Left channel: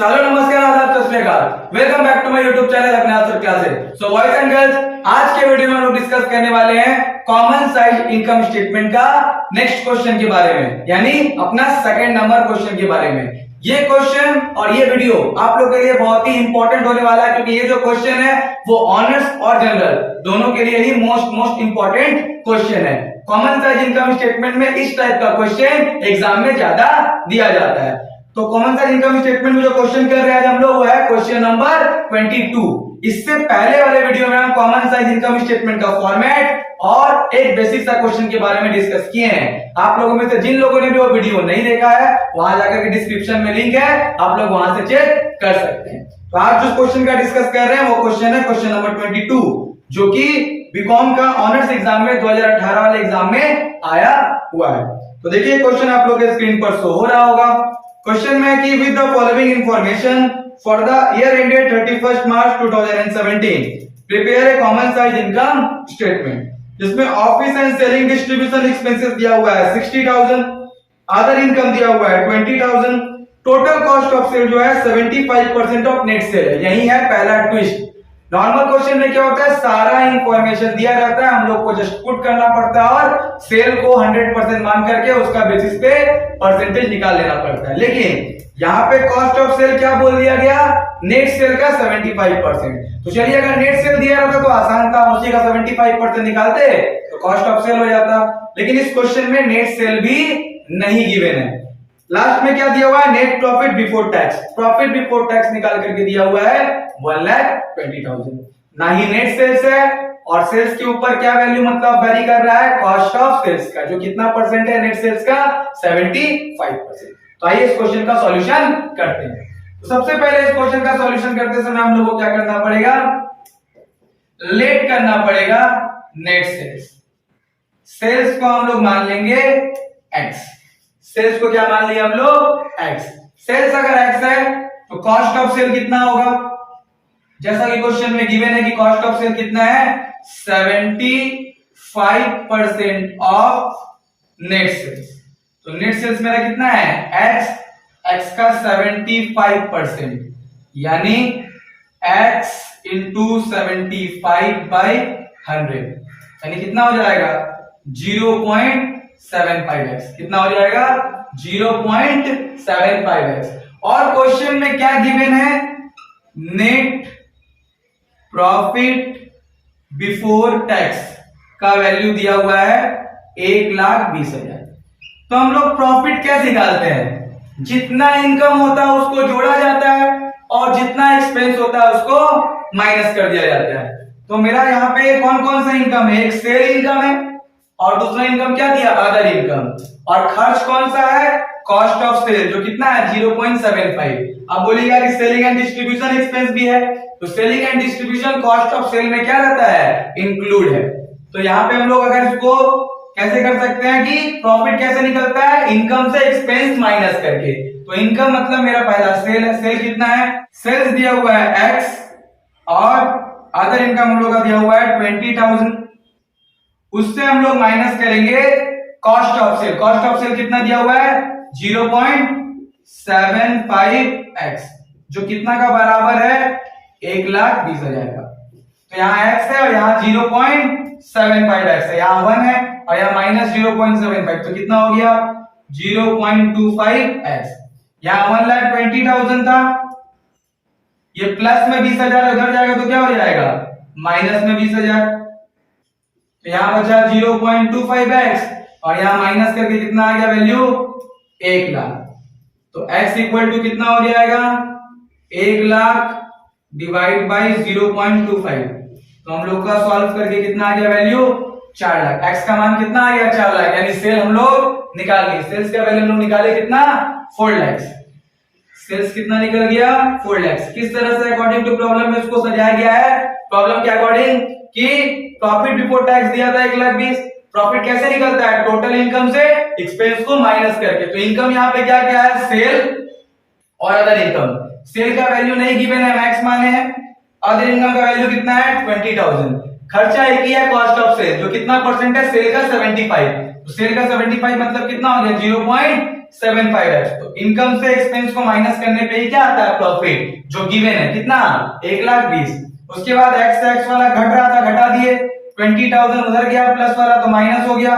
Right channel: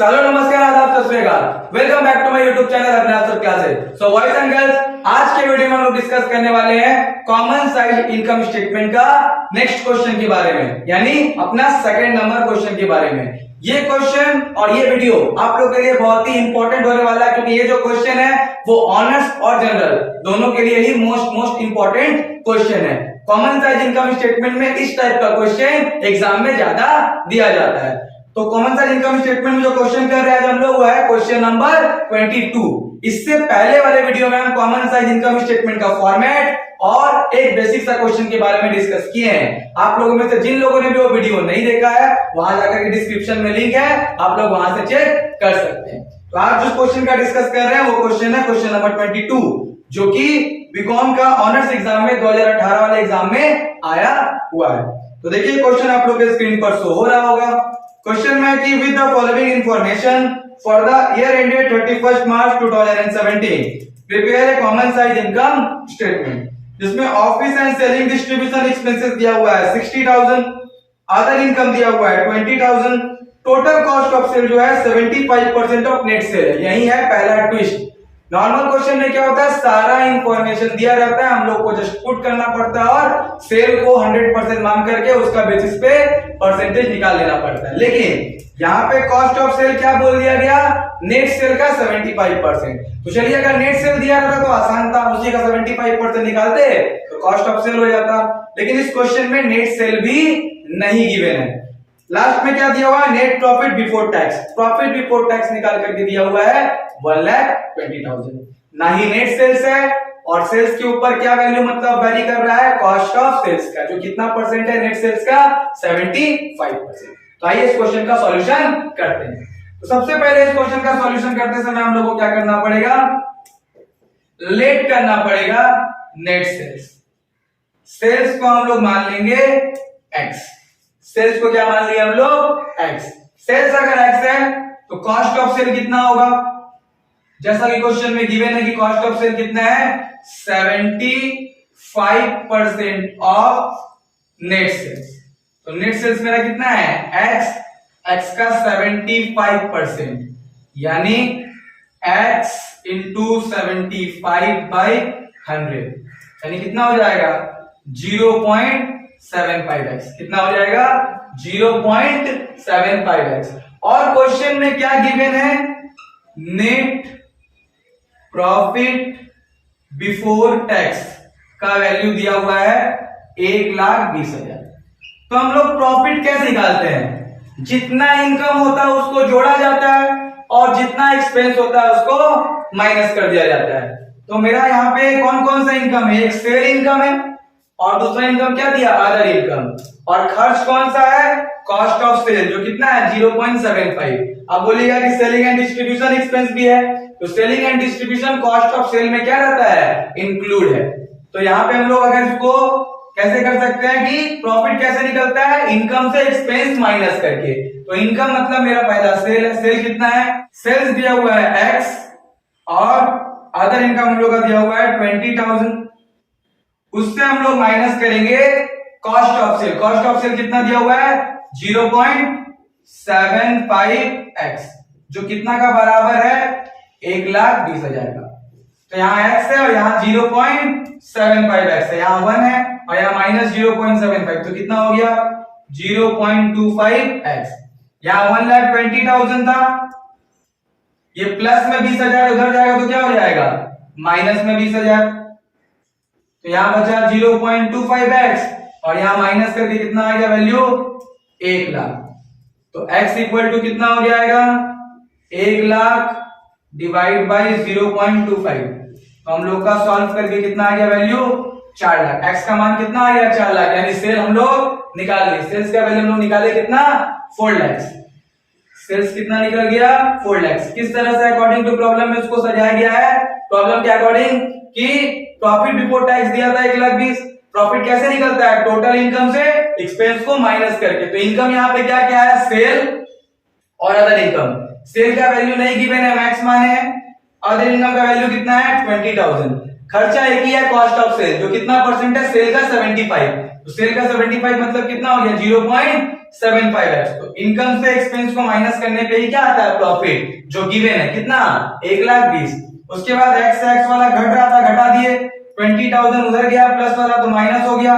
चलो नमस्कार आदाब सत श्री अकाल। Welcome back to my YouTube channel अपने आप sir classes. So boys and girls, आज के वीडियो में हम लोग डिस्कस करने वाले हैं कॉमन साइज इनकम स्टेटमेंट का नेक्स्ट क्वेश्चन के बारे में, यानी अपना सेकंड नंबर क्वेश्चन के बारे में। ये क्वेश्चन और ये वीडियो आप लोग के लिए बहुत ही इंपॉर्टेंट होने वाला है, क्योंकि ये जो क्वेश्चन है वो ऑनर्स और जनरल दोनों के लिए ही मोस्ट इंपॉर्टेंट क्वेश्चन है। कॉमन साइज इनकम स्टेटमेंट में इस टाइप का क्वेश्चन एग्जाम में ज्यादा दिया जाता है। तो कॉमन साइज इनकम स्टेटमेंट में जो क्वेश्चन कर रहे हैं आज हम लोग वो है क्वेश्चन नंबर 22। इससे पहले वाले वीडियो में हम कॉमन साइज इनकम स्टेटमेंट का फॉर्मेट और एक बेसिक सा क्वेश्चन के बारे में डिस्कस किए हैं। आप लोगों में से जिन लोगों ने भी वो वीडियो नहीं देखा है, वहां जाकर के डिस्क्रिप्शन में लिंक है, आप लोग वहां से चेक कर सकते हैं। तो आज जो क्वेश्चन का डिस्कस कर रहे हैं वो क्वेश्चन है क्वेश्चन नंबर 22, जो कि बीकॉम का ऑनर्स एग्जाम में 2018 वाले एग्जाम में आया हुआ है। तो देखिए क्वेश्चन आप लोग के स्क्रीन पर शो हो रहा होगा। क्वेश्चन में है कि with the following information for the year ended 31 March 2017 prepare a common size income statement, जिसमें office and selling distribution expenses दिया हुआ है 60,000, अदर इनकम दिया हुआ है 20,000, टोटल कॉस्ट ऑफ सेल जो है 75% ऑफ नेट सेल है। यही है पहला ट्विस्ट। नॉर्मल क्वेश्चन में क्या होता है, सारा इंफॉर्मेशन दिया रहता है, हम लोग को जस्ट पुट करना पड़ता है और सेल को 100% मान करके उसका बेसिस पे परसेंटेज निकाल लेना पड़ता है। लेकिन यहाँ पे कॉस्ट ऑफ सेल क्या बोल दिया गया, नेट सेल का 75%। तो चलिए अगर नेट सेल दिया रहता तो आसान था, उसी का 75% निकालते तो कॉस्ट ऑफ सेल हो जाता। लेकिन इस क्वेश्चन में नेट सेल भी नहीं गिवन है। लास्ट में क्या दिया हुआ है, net profit before tax. Profit before tax निकाल करके दिया हुआ है 1,20,000। ना ही नेट सेल्स है, और सेल्स के ऊपर क्या वैल्यू मतलब वेरी कर रहा है, कॉस्ट ऑफ सेल्स का, जो कितना परसेंट है नेट सेल्स का, 75%। तो आइए इस क्वेश्चन का सॉल्यूशन करते हैं। तो सबसे पहले इस क्वेश्चन का सॉल्यूशन करते समय हम लोग को क्या करना पड़ेगा, लेट करना पड़ेगा नेट सेल्स। सेल्स को हम लोग मान लेंगे x। सेल्स को क्या मान लिया हम लोग, x। सेल्स अगर x है तो कॉस्ट ऑफ सेल कितना होगा, जैसा कि क्वेश्चन में गिवन है कि कॉस्ट ऑफ सेल कितना है, 75% ऑफ नेट सेल्स। तो नेट सेल्स मेरा कितना है, x का 75%, यानी x इंटू 75/100, यानी कितना हो जाएगा 0.75x। कितना हो जाएगा 0.75x। और क्वेश्चन में क्या गिवन है, नेट प्रॉफिट बिफोर टैक्स का वैल्यू दिया हुआ है 1,20,000। तो हम लोग प्रॉफिट कैसे निकालते हैं, जितना इनकम होता है उसको जोड़ा जाता है और जितना एक्सपेंस होता है उसको माइनस कर दिया जाता है। तो मेरा यहाँ पे कौन कौन सा इनकम है, एक सेल इनकम है और दूसरा इनकम क्या दिया, अदर इनकम। और खर्च कौन सा है, कॉस्ट ऑफ सेल, जो कितना है 0.75। अब बोलिएगा कि सेलिंग एंड डिस्ट्रीब्यूशन एक्सपेंस भी है, तो selling and distribution cost of sale में क्या रहता है, इंक्लूड है। तो यहाँ पे हम लोग अगर इसको कैसे कर सकते हैं कि प्रॉफिट कैसे निकलता है, इनकम से एक्सपेंस माइनस करके। तो इनकम मतलब मेरा पहला सेल है, सेल कितना है, सेल्स दिया हुआ है x, और अदर इनकम हम लोग का दिया हुआ है 20,000। उससे हम लोग माइनस करेंगे cost of sale. Cost of sale कितना दिया हुआ है, 0.75x, जो कितना का बराबर है 1,20,000 का। तो यहाँ x है और यहाँ 0.75x है, यहाँ 1 है और यहाँ माइनस 0.75, तो कितना हो गया 0.25x। यहाँ 1,20,000 था, ये प्लस में 20,000 उधर जाएगा तो क्या हो जाएगा, माइनस में 20,000। तो यहाँ बचा 0.25x और यहाँ माइनस करके कितना आ गया वैल्यू 1,00,000। तो x इक्वल टू कितना हो जाएगा 1,00,000 डिवाइड बाई 0.25। तो हम लोग का सॉल्व करके कितना आ गया वैल्यू 4,00,000। x का मान कितना आ गया 4,00,000, यानी सेल हम लोग निकाल लिए। सेल्स का वैल्यू हम लोग निकाले कितना 4,00,000। सेल्स कितना निकल गया 4,00,000। किस तरह से अकॉर्डिंग टू प्रॉब्लम में इसको सजाया गया है, प्रॉब्लम के अकॉर्डिंग कि प्रॉफिट बिफोर टैक्स दिया था 1,20,000। प्रॉफिट कैसे निकलता है, टोटल इनकम से एक्सपेंस को माइनस करके। तो इनकम यहाँ पे क्या क्या है, सेल और अदर इनकम। सेल का वैल्यू नहीं गिवन है, मैक्स माने हैं। अदर इनकम का वैल्यू कितना है 20,000। खर्चा एक ही है, कॉस्ट ऑफ सेल, जो कितना परसेंट है, सेल का 75। तो सेल का 75 मतलब कितना हो गया 0.75x। तो इनकम से एक्सपेंस को माइनस करने पे ही क्या आता है प्रॉफिट जो गिवन है कितना 1,20,000। उसके बाद x वाला घट रहा था घटा दिए 20,000 उधर गया प्लस वाला तो माइनस हो गया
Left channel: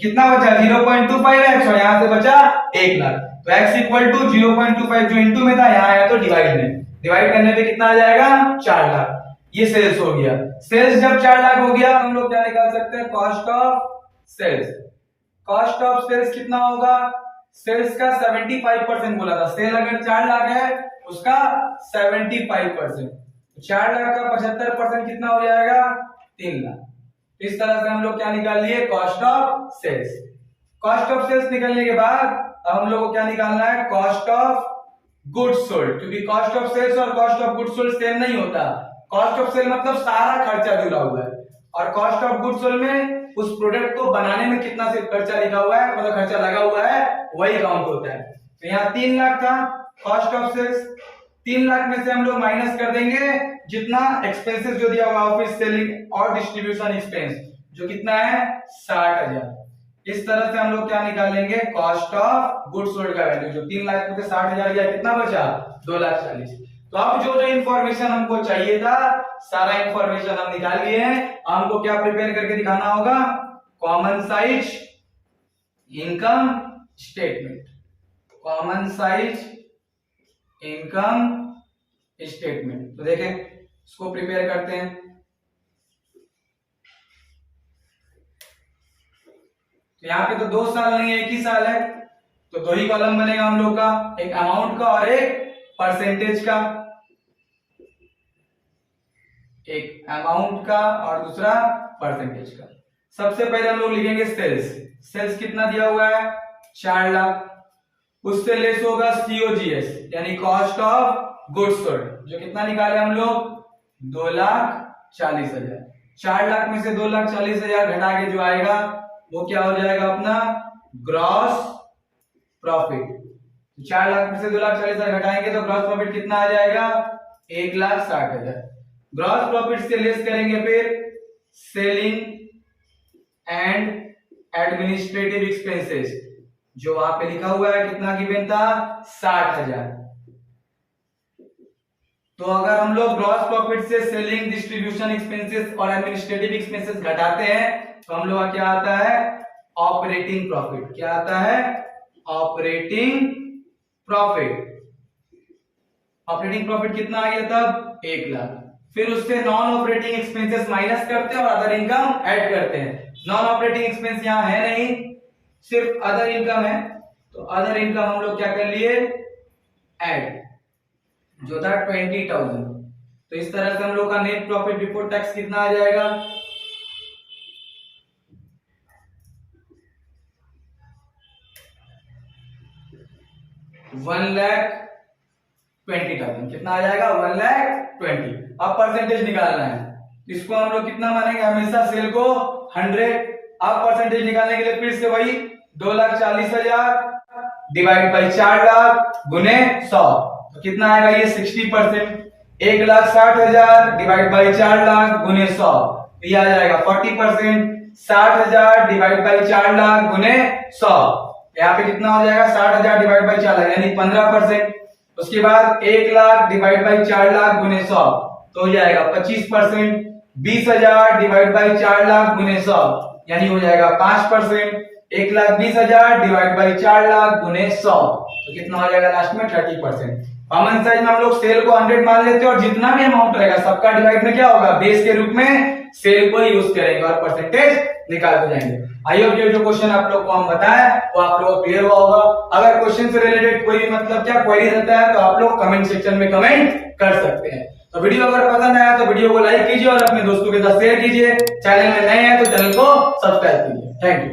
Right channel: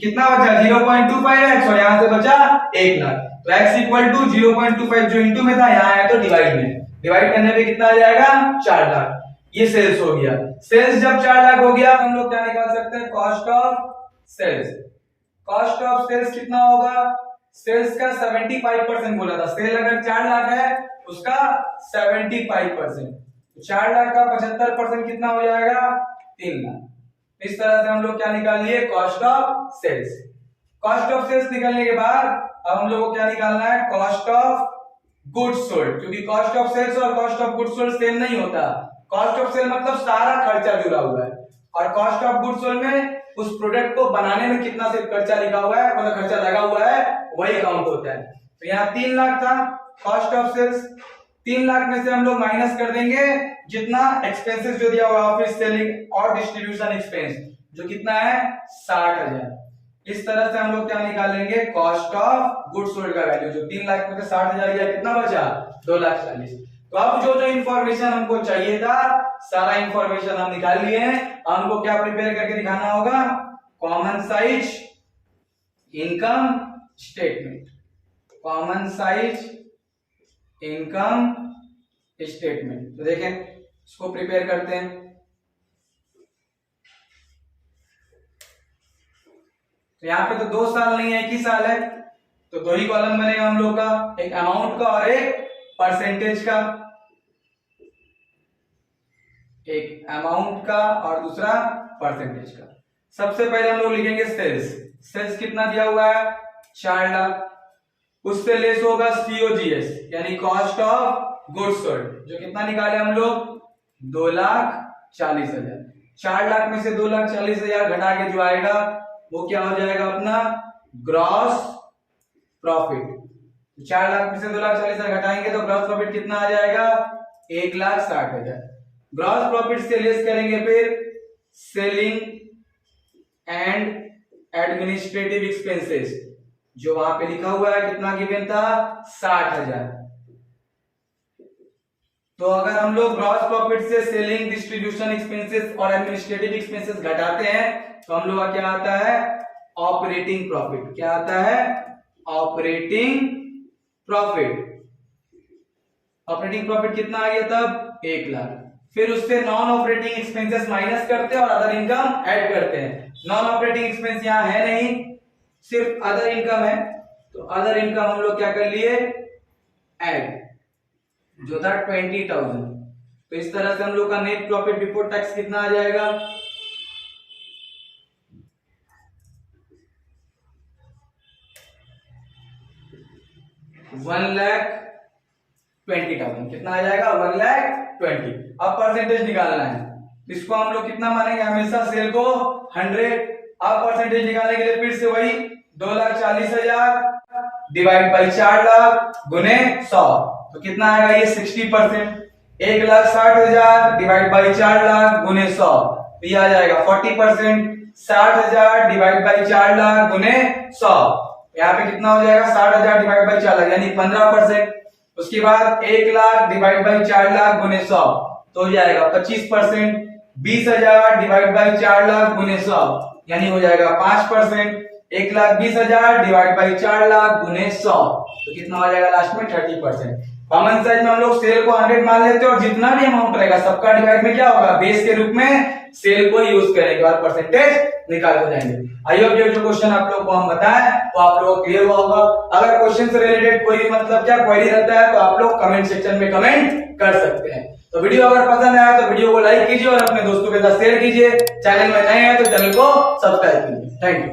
कितना बचा 0.25x और यहां से बचा 1,00,000। तो x इक्वल टू 0.25 जो इनटू में था यहां आया तो डिवाइड में, डिवाइड करने पे कितना आ जाएगा 4,00,000। ये सेल्स हो गया। सेल्स जब 4,00,000 हो गया हम लोग क्या निकाल सकते हैं cost of sales. Cost of sales कितना होगा सेल्स का 75% बोला था। सेल अगर 4,00,000 है उसका 75%, 4,00,000 का 75% कितना हो जाएगा 3,00,000। इस तरह से हम लोग क्या निकाल लिए cost of sales. Cost of sales निकलने के बाद अब हम लोग को क्या निकालना है कॉस्ट ऑफ गुड्स सोल्ड, क्योंकि कॉस्ट ऑफ सेल्स और cost of goods sold same नहीं होता। कॉस्ट ऑफ सेल मतलब सारा खर्चा जुड़ा हुआ है और कॉस्ट ऑफ गुड्स सोल्ड में उस प्रोडक्ट को बनाने में कितना सिर्फ खर्चा लिखा हुआ है मतलब खर्चा लगा हुआ है वही काउंट होता है। तो यहाँ 3,00,000 था कॉस्ट ऑफ सेल्स। 3,00,000 में से हम लोग माइनस कर देंगे जितना एक्सपेंसेस जो दिया हुआ ऑफिस सेलिंग और डिस्ट्रीब्यूशन एक्सपेंस जो कितना है 60,000। इस तरह से हम लोग क्या निकालेंगे कॉस्ट ऑफ गुड्स सोल्ड का वैल्यू जो 3,00,000 में से 60,000 गया कितना बचा 2,40,000। तो अब जो इंफॉर्मेशन हमको चाहिए था सारा इंफॉर्मेशन हम निकाल लिए हैं। हमको क्या प्रिपेयर करके दिखाना होगा common size income statement. Common size income statement तो देखें इसको प्रिपेयर करते हैं। तो यहाँ पे तो 2 साल नहीं है 1 ही साल है तो 2 ही कॉलम बनेगा हम लोग का, एक अमाउंट का और एक परसेंटेज का। एक अमाउंट का और दूसरा परसेंटेज का। सबसे पहले हम लोग लिखेंगे सेल्स। सेल्स कितना दिया हुआ है 4,00,000, उससे लेस होगा COGS यानी कॉस्ट ऑफ गुड्स सोल्ड जो कितना निकाले हम लोग 2,40,000। 4,00,000 में से 2,40,000 घटा के जो आएगा वो क्या हो जाएगा अपना ग्रॉस प्रॉफिट। 4,00,000 में से 2,40,000 घटाएंगे तो ग्रॉस प्रॉफिट कितना आ जाएगा 1,60,000। ग्रॉस प्रॉफिट से लेस करेंगे फिर सेलिंग एंड एडमिनिस्ट्रेटिव एक्सपेंसेस जो वहां पे लिखा हुआ है कितना गिवन था 60,000। तो अगर हम लोग ग्रॉस प्रॉफिट से सेलिंग डिस्ट्रीब्यूशन एक्सपेंसेस और एडमिनिस्ट्रेटिव एक्सपेंसेस घटाते हैं तो हम लोग का क्या आता है ऑपरेटिंग प्रॉफिट। क्या आता है ऑपरेटिंग प्रॉफिट। ऑपरेटिंग प्रॉफिट कितना आ गया तब 1,00,000। फिर उससे नॉन ऑपरेटिंग एक्सपेंसेस माइनस करते हैं और अदर इनकम ऐड करते हैं। नॉन ऑपरेटिंग एक्सपेंस यहाँ है नहीं सिर्फ अदर इनकम है तो अदर इनकम हम लोग क्या कर लिए ऐड जो था 20,000। तो इस तरह से हम लोग का नेट प्रॉफिट बिफोर टैक्स कितना आ जाएगा 1,20,000 कितना आ जाएगा 1,20,000। अब परसेंटेज निकालना है। इसको हम लोग कितना मानेंगे हमेशा सेल को 100। अब परसेंटेज निकालने के लिए फिर से वही 2,40,000 डिवाइड बाई 4,00,000 गुने 100 तो कितना आएगा ये 60%। 1,60,000 डिवाइड बाई 4,00,000 गुने 100 तो ये आ जाएगा 40%। 60,000 डिवाइड बाई 4,00,000 गुने 100 यहाँ पे कितना हो जाएगा 60,000 डिवाइड बाई 4,00,000 यानी 15%। उसके बाद 1,00,000 डिवाइड बाई 4,00,000 गुने 100 तो हो जाएगा 25%। 20,000 डिवाइड बाई 4,00,000 गुने 100 यानी हो जाएगा 5%। 1,20,000 डिवाइड बाई 4,00,000 गुने 100 तो कितना हो जाएगा लास्ट में 30%। कॉमन साइज में हम लोग सेल को 100 मान लेते हैं और जितना भी अमाउंट रहेगा सबका डिवाइड में क्या होगा बेस के रूप में सेल को यूज करेंगे और परसेंटेज निकालते जाएंगे। आई होप ये जो क्वेश्चन आप लोग को हम बताएं वो आप लोगों को क्लियर हुआ होगा। अगर क्वेश्चन से रिलेटेड कोई भी मतलब क्या क्वेरी रहता है तो आप लोग कमेंट सेक्शन में कमेंट कर सकते हैं। तो वीडियो अगर पसंद आया तो वीडियो को लाइक कीजिए और अपने दोस्तों के साथ शेयर कीजिए। चैनल में नए हैं तो चैनल को सब्सक्राइब कीजिए। Thank you.